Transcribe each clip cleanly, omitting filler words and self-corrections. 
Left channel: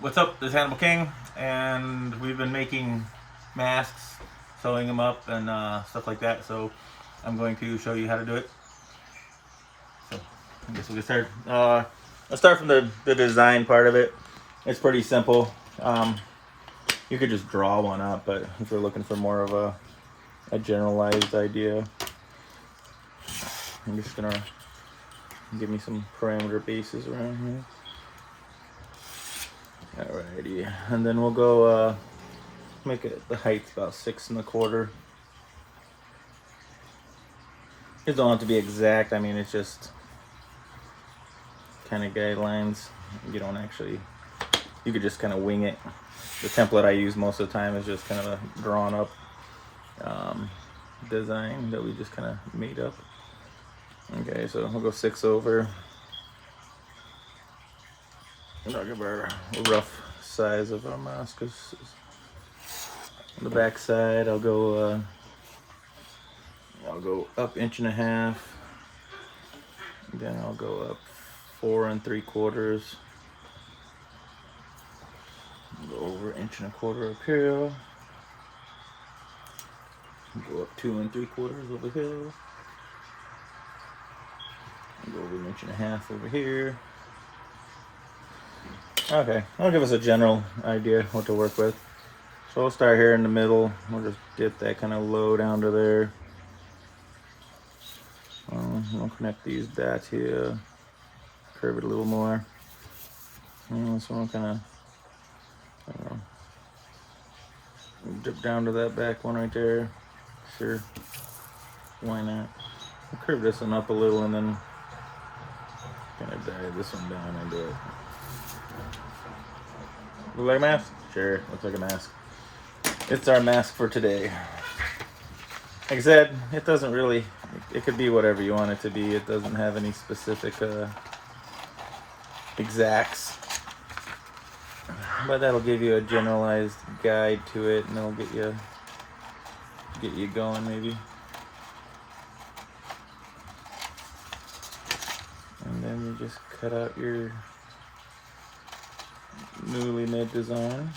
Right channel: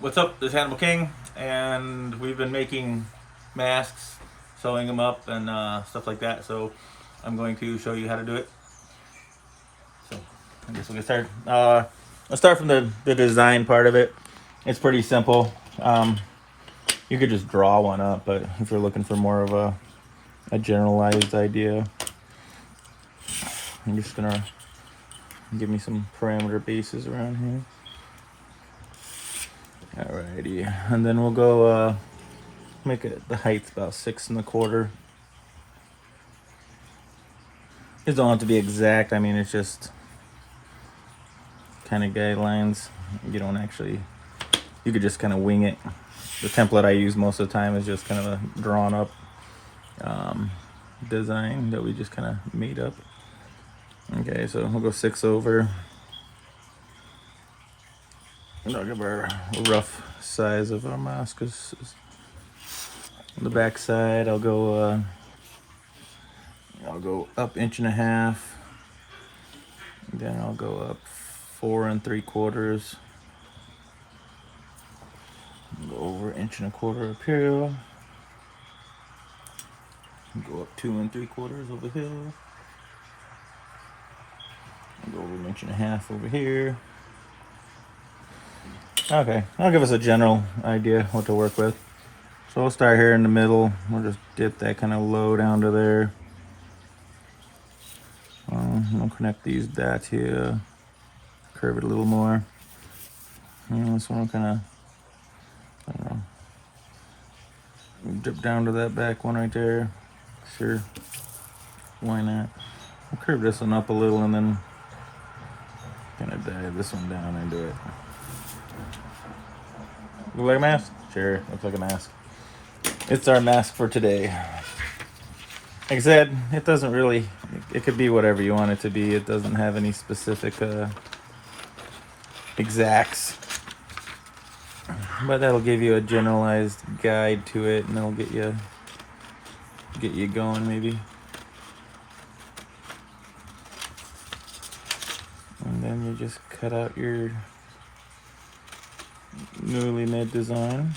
What's up? This is Hannibal King, and we've been making masks, sewing them up, and stuff like that. So I'm going to show you how to do it. So I guess we'll get started. We'll start from the design part of it. It's pretty simple. You could just draw one up, but if you're looking for more of a generalized idea, I'm just gonna give me some parameter bases around here. Alrighty, and then we'll go make it the height's about 6 1/4. It don't have to be exact. I mean, it's just kind of guidelines. You don't actually. You could just kind of wing it. The template I use most of the time is just kind of drawn up design that we just kind of made up. Okay, so we'll go 6 over. Look at our rough size of our mask. The back side, I'll go up 1.5 inches. Then I'll go up 4 3/4. Go over 1.25 inches up here. Go up 2 3/4 over here. Go over 1.5 inches over here. Okay, that'll give us a general idea what to work with. So we'll start here in the middle. We'll just dip that kind of low down to there. We'll connect these dots here. Curve it a little more. And this one kind of dip down to that back one right there. Sure, why not? We'll curve this one up a little and then kind of dive this one down into it. Look like a mask? Sure, looks like a mask. It's our mask for today. Like I said, it doesn't really, it could be whatever you want it to be. It doesn't have any specific exacts. But that'll give you a generalized guide to it, and that'll get you going maybe. And then you just cut out your newly made design.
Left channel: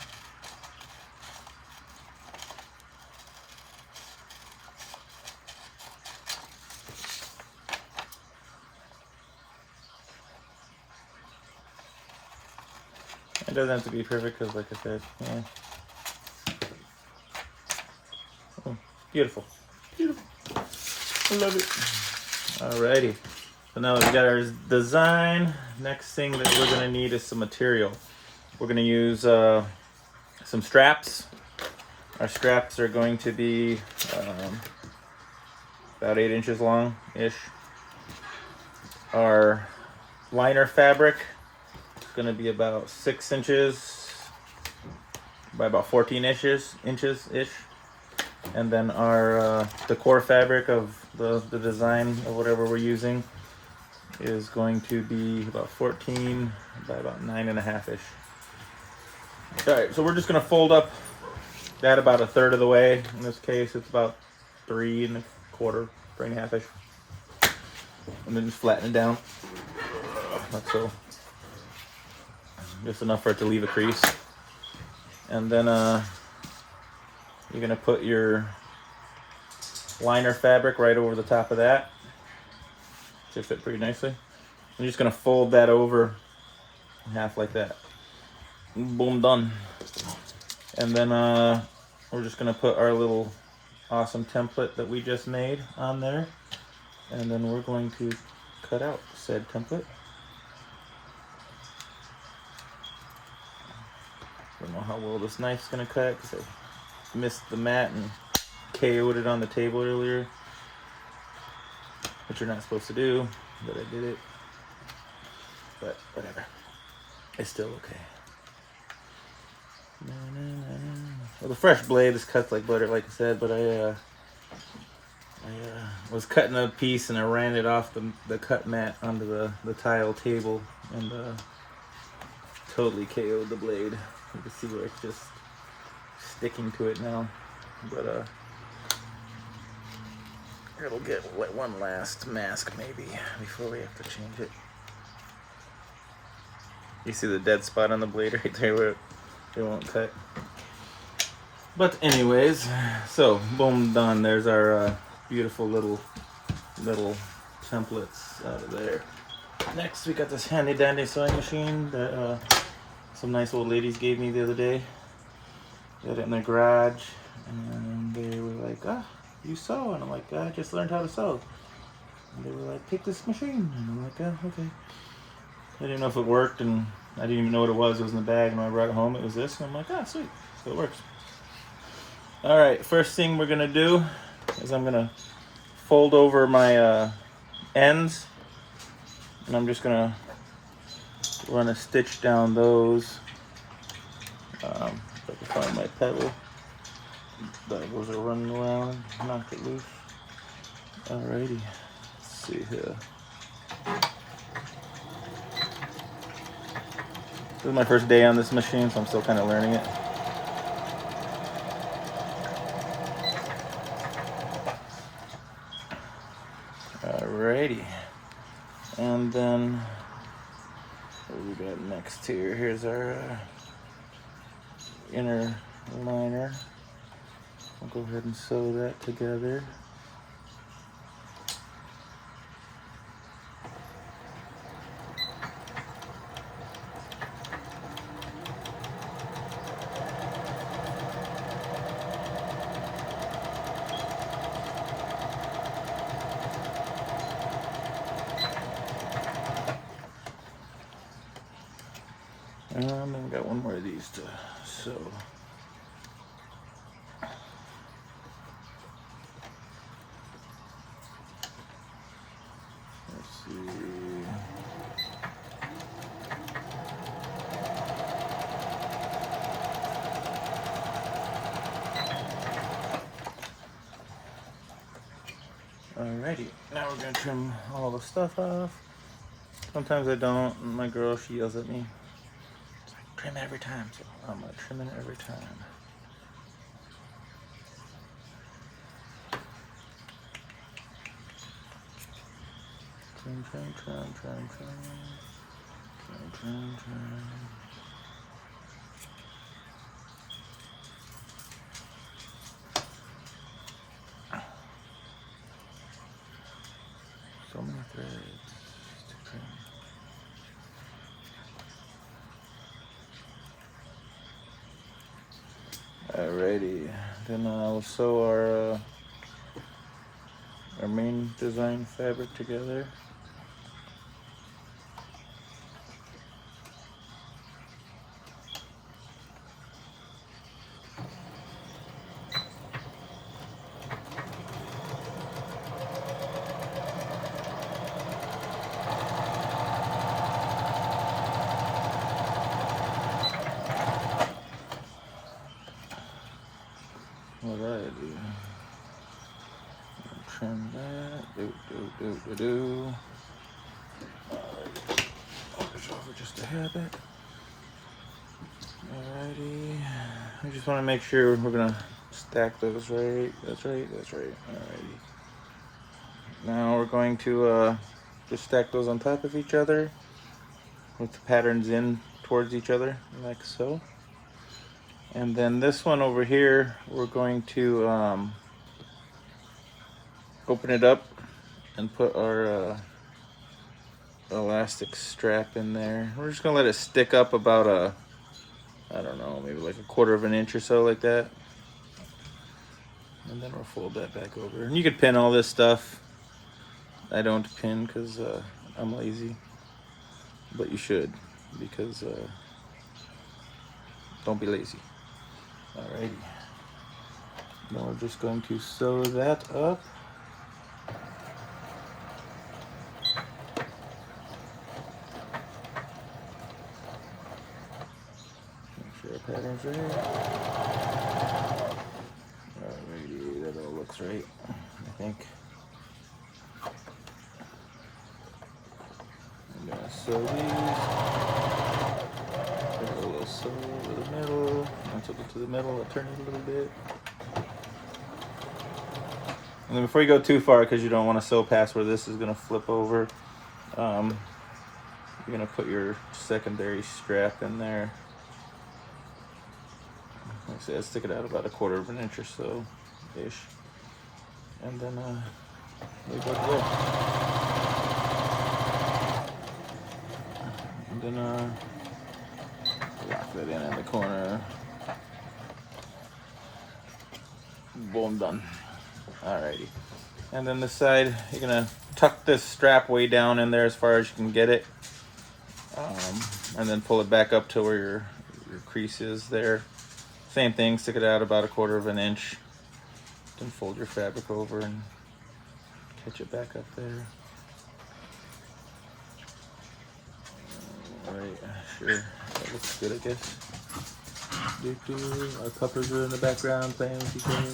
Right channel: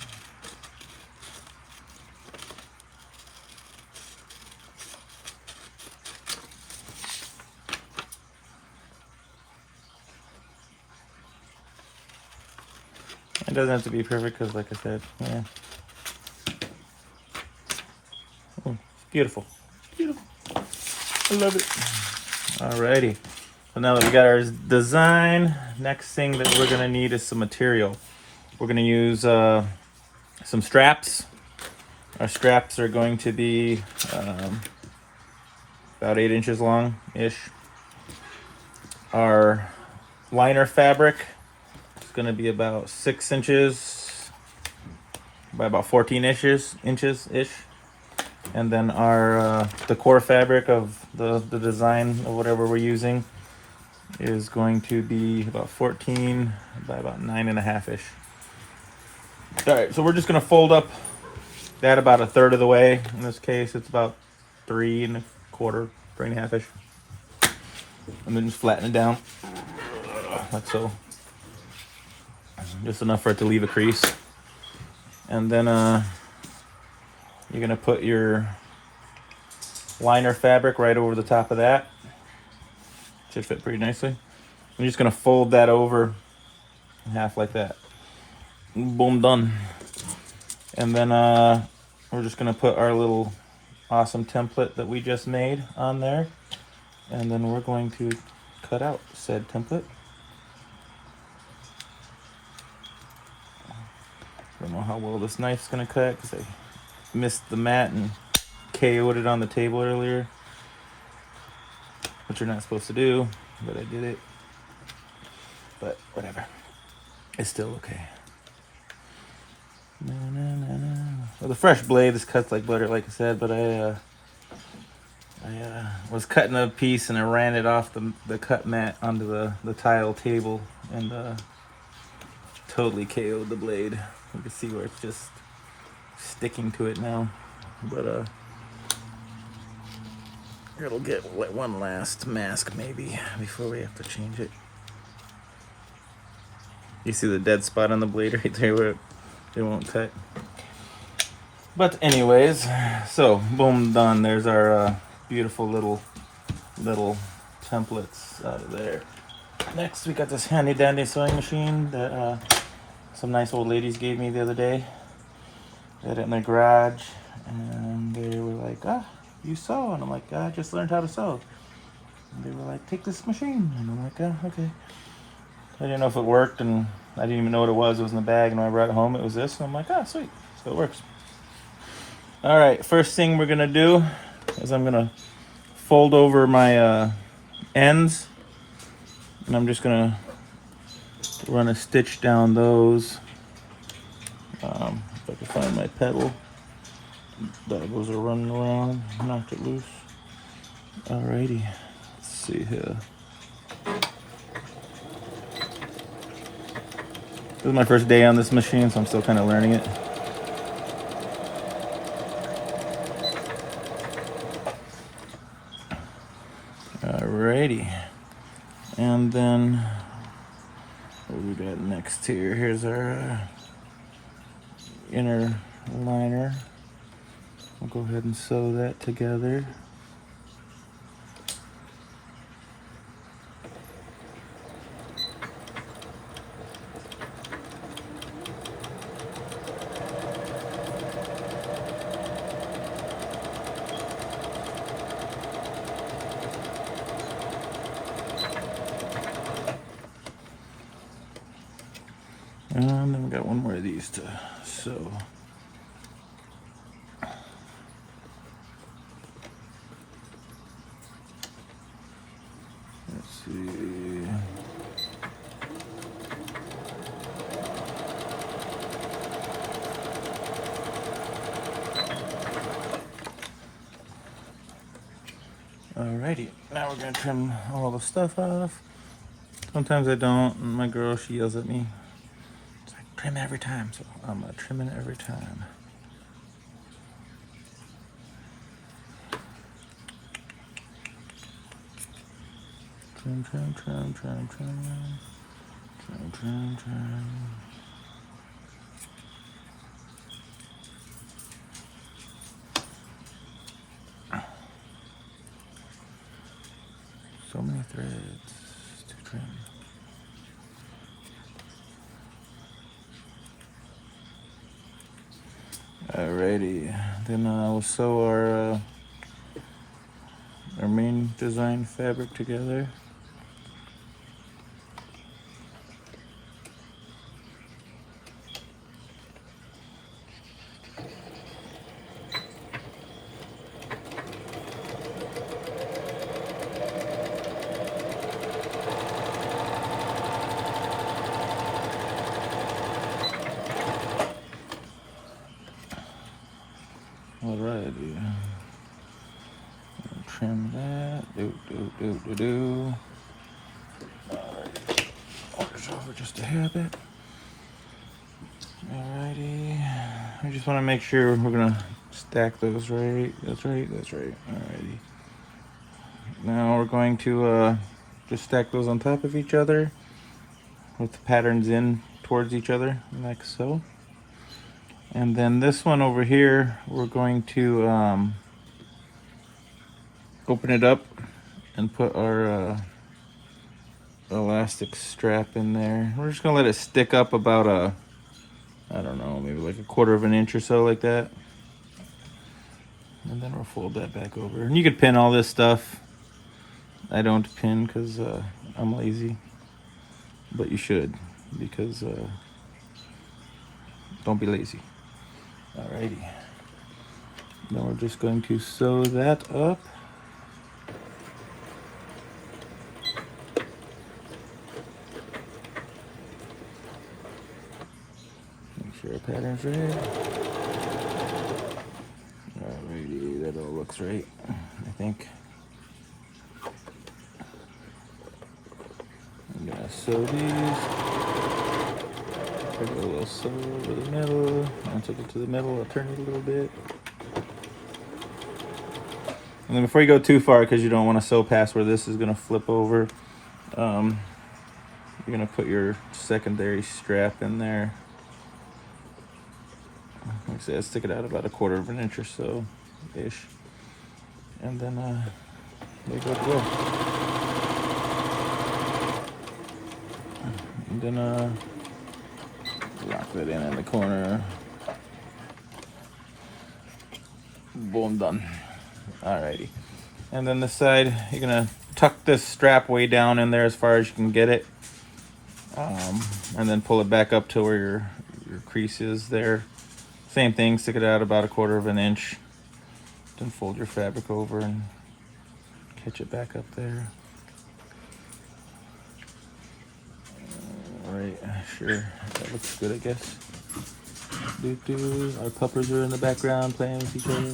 It doesn't have to be perfect because, like I said, yeah. Oh, beautiful. Beautiful. I love it. Alrighty. So now that we got our design, next thing that we're going to need is some material. We're going to use some straps. Our straps are going to be about 8 inches long-ish. Our liner fabric is going to be about 6 inches by about 14 inches-ish. And then our the core fabric of the design of whatever we're using is going to be about 14 by about 9.5-ish. All right, so we're just gonna fold up that about 1/3 of the way. In this case, it's about 3 1/4, 3.5-ish, and then just flatten it down. Like so, just enough for it to leave a crease. And then you're gonna put your liner fabric right over the top of that. Should fit pretty nicely. I'm just gonna fold that over half like that. Boom, done. And then we're just gonna put our little awesome template that we just made on there. And then we're going to cut out said template. Don't know how well this knife's gonna cut because I missed the mat and KO'd it on the table earlier, which you're not supposed to do, but I did it. But whatever, it's still okay. Well, the fresh blade, this cuts like butter, like I said, but I was cutting a piece and I ran it off the cut mat onto the tile table and totally KO'd the blade. You can see where it's just sticking to it now, but it'll get one last mask maybe before we have to change it. You see the dead spot on the blade right there where it won't cut. But anyways, so boom, done. There's our beautiful little templates there. Next, we got this handy dandy sewing machine that some nice old ladies gave me the other day. They had it in their garage, and they were like, "Ah, you sew?" And I'm like, "I just learned how to sew." And they were like, "Take this machine," and I'm like, "Ah, okay." I didn't know if it worked, and I didn't even know what it was. It was in the bag, and when I brought it home, it was this, and I'm like, "Ah, sweet." So it works. All right, first thing we're gonna do is I'm gonna fold over my ends, and I'm just gonna run a stitch down those. If I can find my pedal, doggos are running around, knock it loose. Alrighty, let's see here. This is my first day on this machine, so I'm still kind of learning it. Alrighty, and then what we got next here? Here's our inner liner. We'll go ahead and sew that together. And then we got one more of these to sew. Let's see. Alrighty, now we're gonna trim all the stuff off. Sometimes I don't, and my girl, she yells at me. It's like, trim every time, so I'm gonna trim it every time. Trim, trim, trim, trim, trim. Trim, trim, trim. So many threads to trim. Alrighty, then we'll sew our main design fabric together. What did I do? Trim that. Do. Alright. Push over just a hair bit. Alrighty. I just want to make sure we're gonna stack those right. That's right. Alrighty. Now we're going to just stack those on top of each other with the patterns in towards each other, like so. And then this one over here, we're going to open it up and put our elastic strap in there. We're just gonna let it stick up about I don't know, maybe like a 1/4 of an inch or so, like that. And then we'll fold that back over. And you could pin all this stuff. I don't pin because I'm lazy, but you should, because don't be lazy. Alrighty. Now we're just going to sew that up. Make sure our pattern's right. Alrighty, that all looks right, I think. I'm gonna sew these. Sew over the middle, and take it to the middle and turn it a little bit. And then before you go too far, because you don't want to sew past where this is going to flip over, you're gonna put your secondary strap in there. Like I said, stick it out about 1/4 of an inch or so, ish, and then there you go. And then lock it in the corner. Boom, done. Alrighty. And then this side, you're gonna tuck this strap way down in there as far as you can get it, and then pull it back up to where your crease is there. Same thing, stick it out about 1/4 of an inch. Then fold your fabric over and catch it back up there. Alright, sure, that looks good, I guess. Our puppers are in the background playing with each other.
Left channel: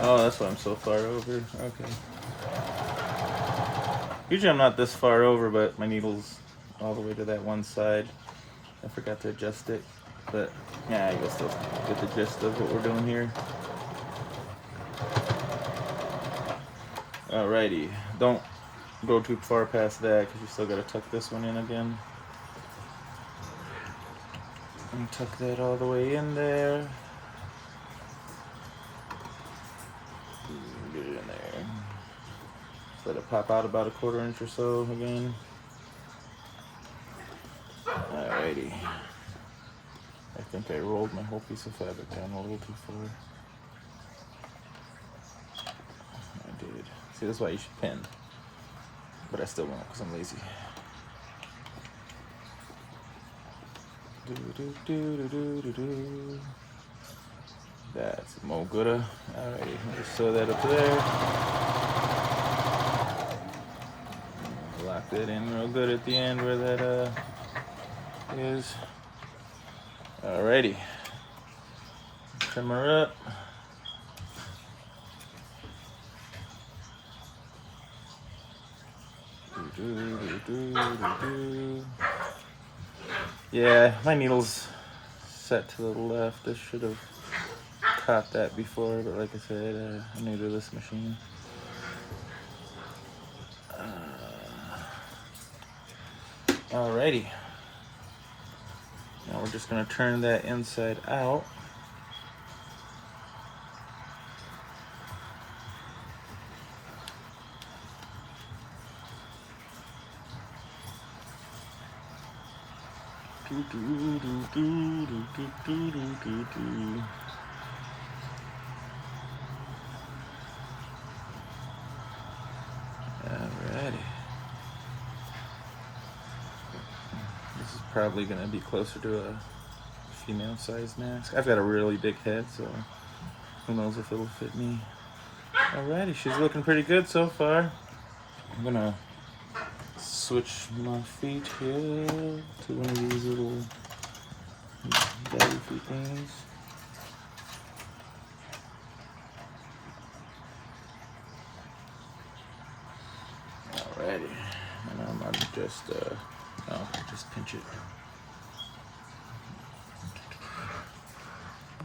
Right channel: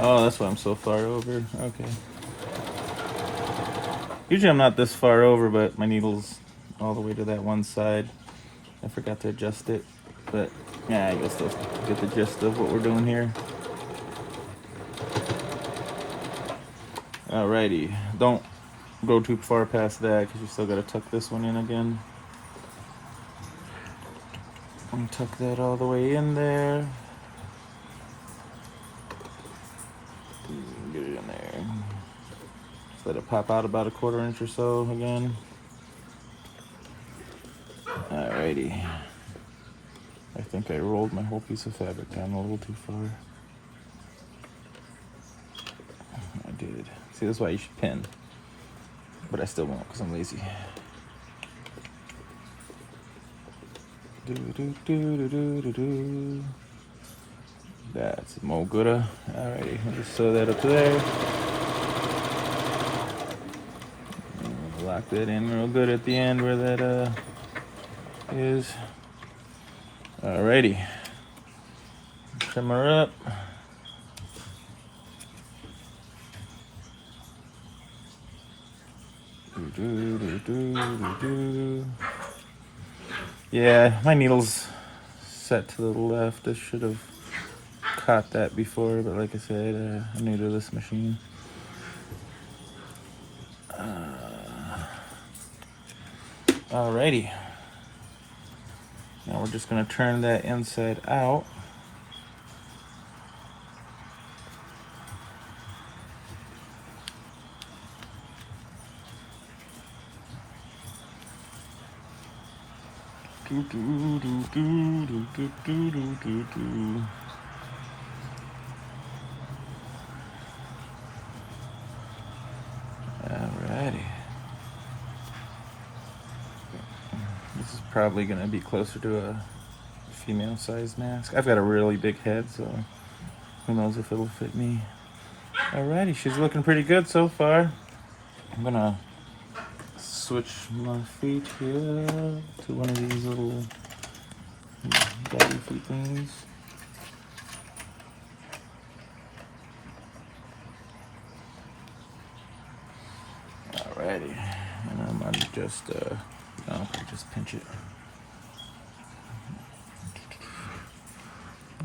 Oh, that's why I'm so far over. Okay. Usually I'm not this far over, but my needle's all the way to that one side. I forgot to adjust it, but yeah, I guess I get the gist of what we're doing here. Alrighty, don't go too far past that because you still gotta tuck this one in again. I'm gonna tuck that all the way in there. Get it in there. Let it pop out about 1/4 inch or so again. Alrighty. I think I rolled my whole piece of fabric down a little too far. I did. See, that's why you should pin. But I still won't because I'm lazy. That's more gooda. Alright, I'll just sew that up there. Lock that in real good at the end where that is. Alrighty. Trim her up. Yeah, my needle's set to the left. I should have caught that before, but like I said, I'm new to this machine. Alrighty. Now we're just going to turn that inside out. Probably going to be closer to a female size mask. I've got a really big head, so who knows if it'll fit me. Alrighty, she's looking pretty good so far. I'm going to switch my feet here to one of these little daddy feet things. Alrighty, and I'm going to just pinch it.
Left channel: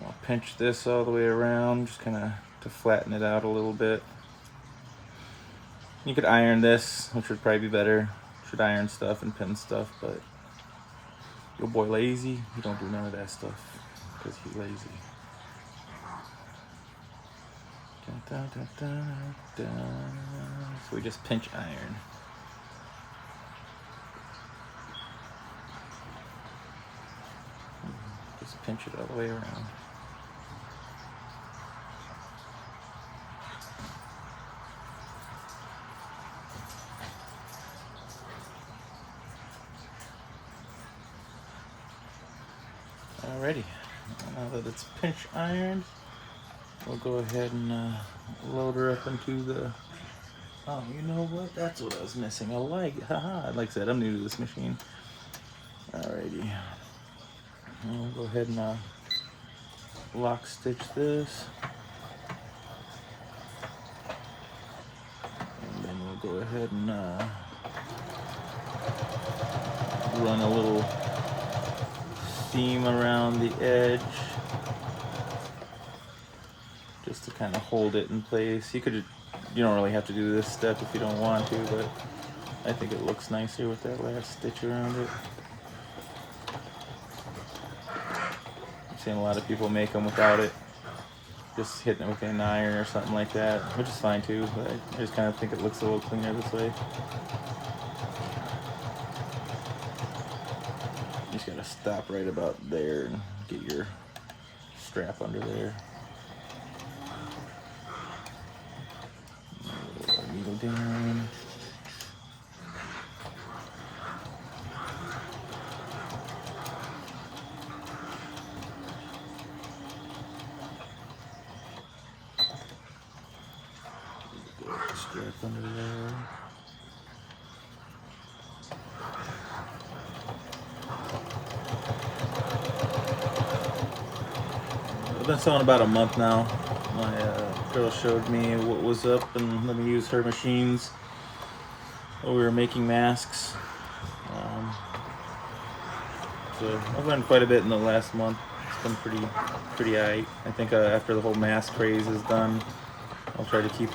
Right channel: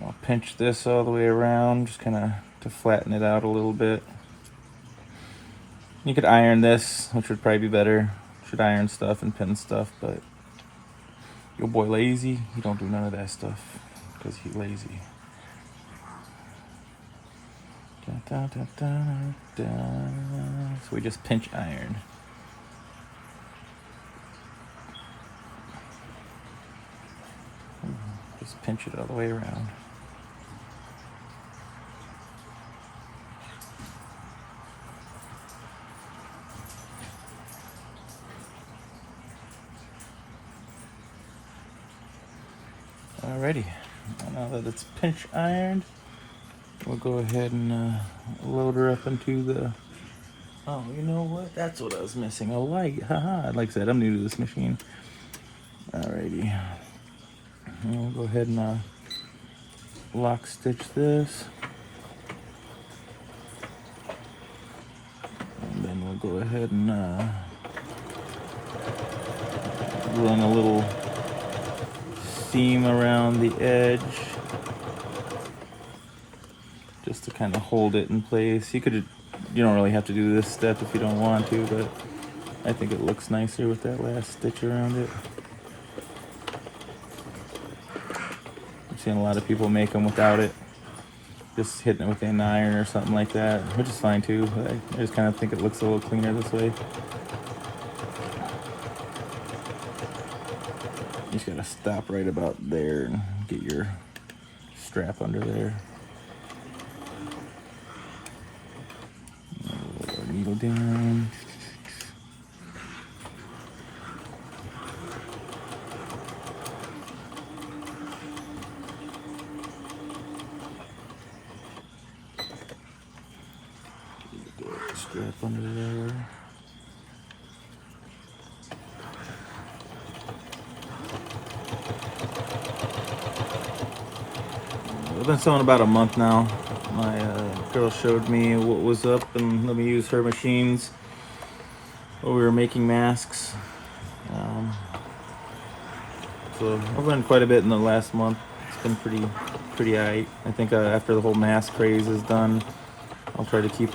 I'll pinch this all the way around, just kind of to flatten it out a little bit. You could iron this, which would probably be better. Should iron stuff and pin stuff, but your boy lazy, he don't do none of that stuff because he's lazy. So we just pinch iron. Just pinch it all the way around. Alrighty, now that it's pinch ironed, we'll go ahead and load her up into the, oh, you know what, that's what I was missing, a light, haha, like I said, I'm new to this machine. Alrighty, and we'll go ahead and lock stitch this, and then we'll go ahead and run a little seam around the edge. just to kind of hold it in place. You don't really have to do this step if you don't want to, but I think it looks nicer with that last stitch around it. I've seen a lot of people make them without it, just hitting it with an iron or something like that, which is fine too. I just kind of think it looks a little cleaner this way. You just gotta stop right about there and get your strap under there. Needle down. Strap under there. I've been sewing about a month now. My girl showed me what was up and let me use her machines while we were making masks. So I've learned quite a bit in the last month. It's been pretty alright. I think after the whole mask craze is done, I'll try to keep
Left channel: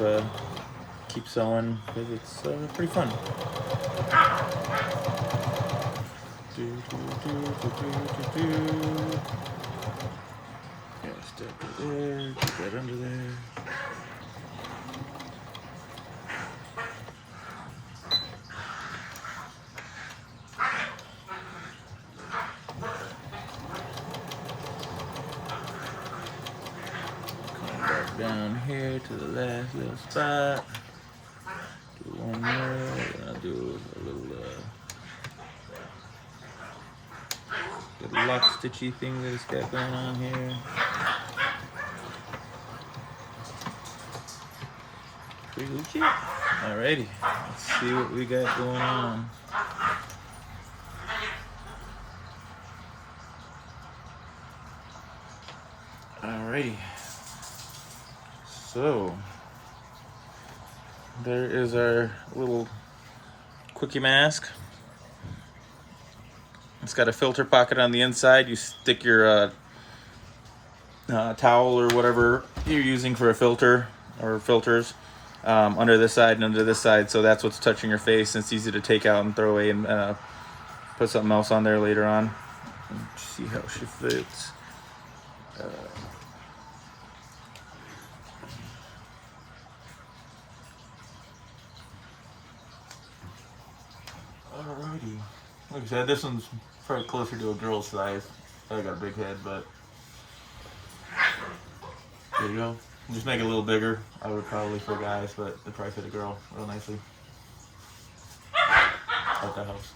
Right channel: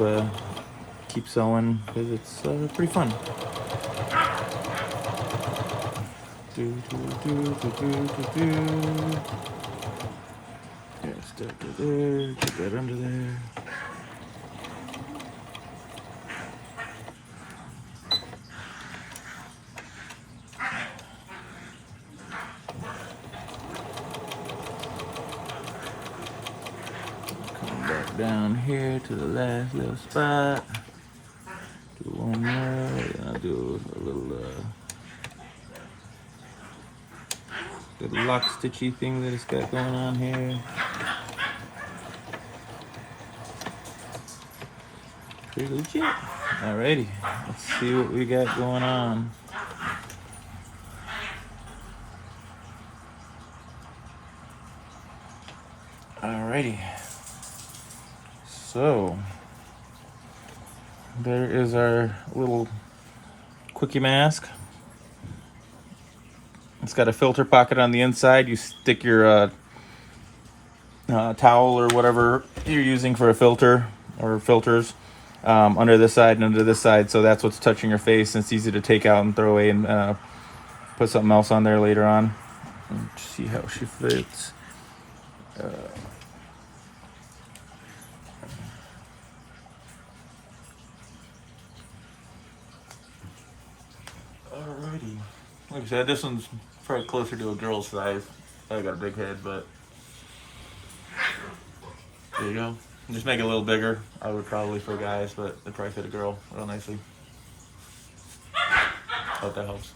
sewing because it's pretty fun. Yeah, step it there, get that under there. Come back down here to the last little spot. Do one more, and I'll do a little lock stitchy thing that it's got going on here. Pretty legit. Alrighty, let's see what we got going on. Alrighty, so there is our little quickie mask. It's got a filter pocket on the inside. You stick your towel or whatever you're using for a filter or filters under this side and under this side, so that's what's touching your face, and it's easy to take out and throw away and put something else on there later on. Let's see how she fits. Alrighty. Like I said, this one's probably closer to a girl's size. I got a big head, but there you go. Just make it a little bigger. I would probably for guys, but it'd probably fit a girl real nicely. Hope that helps.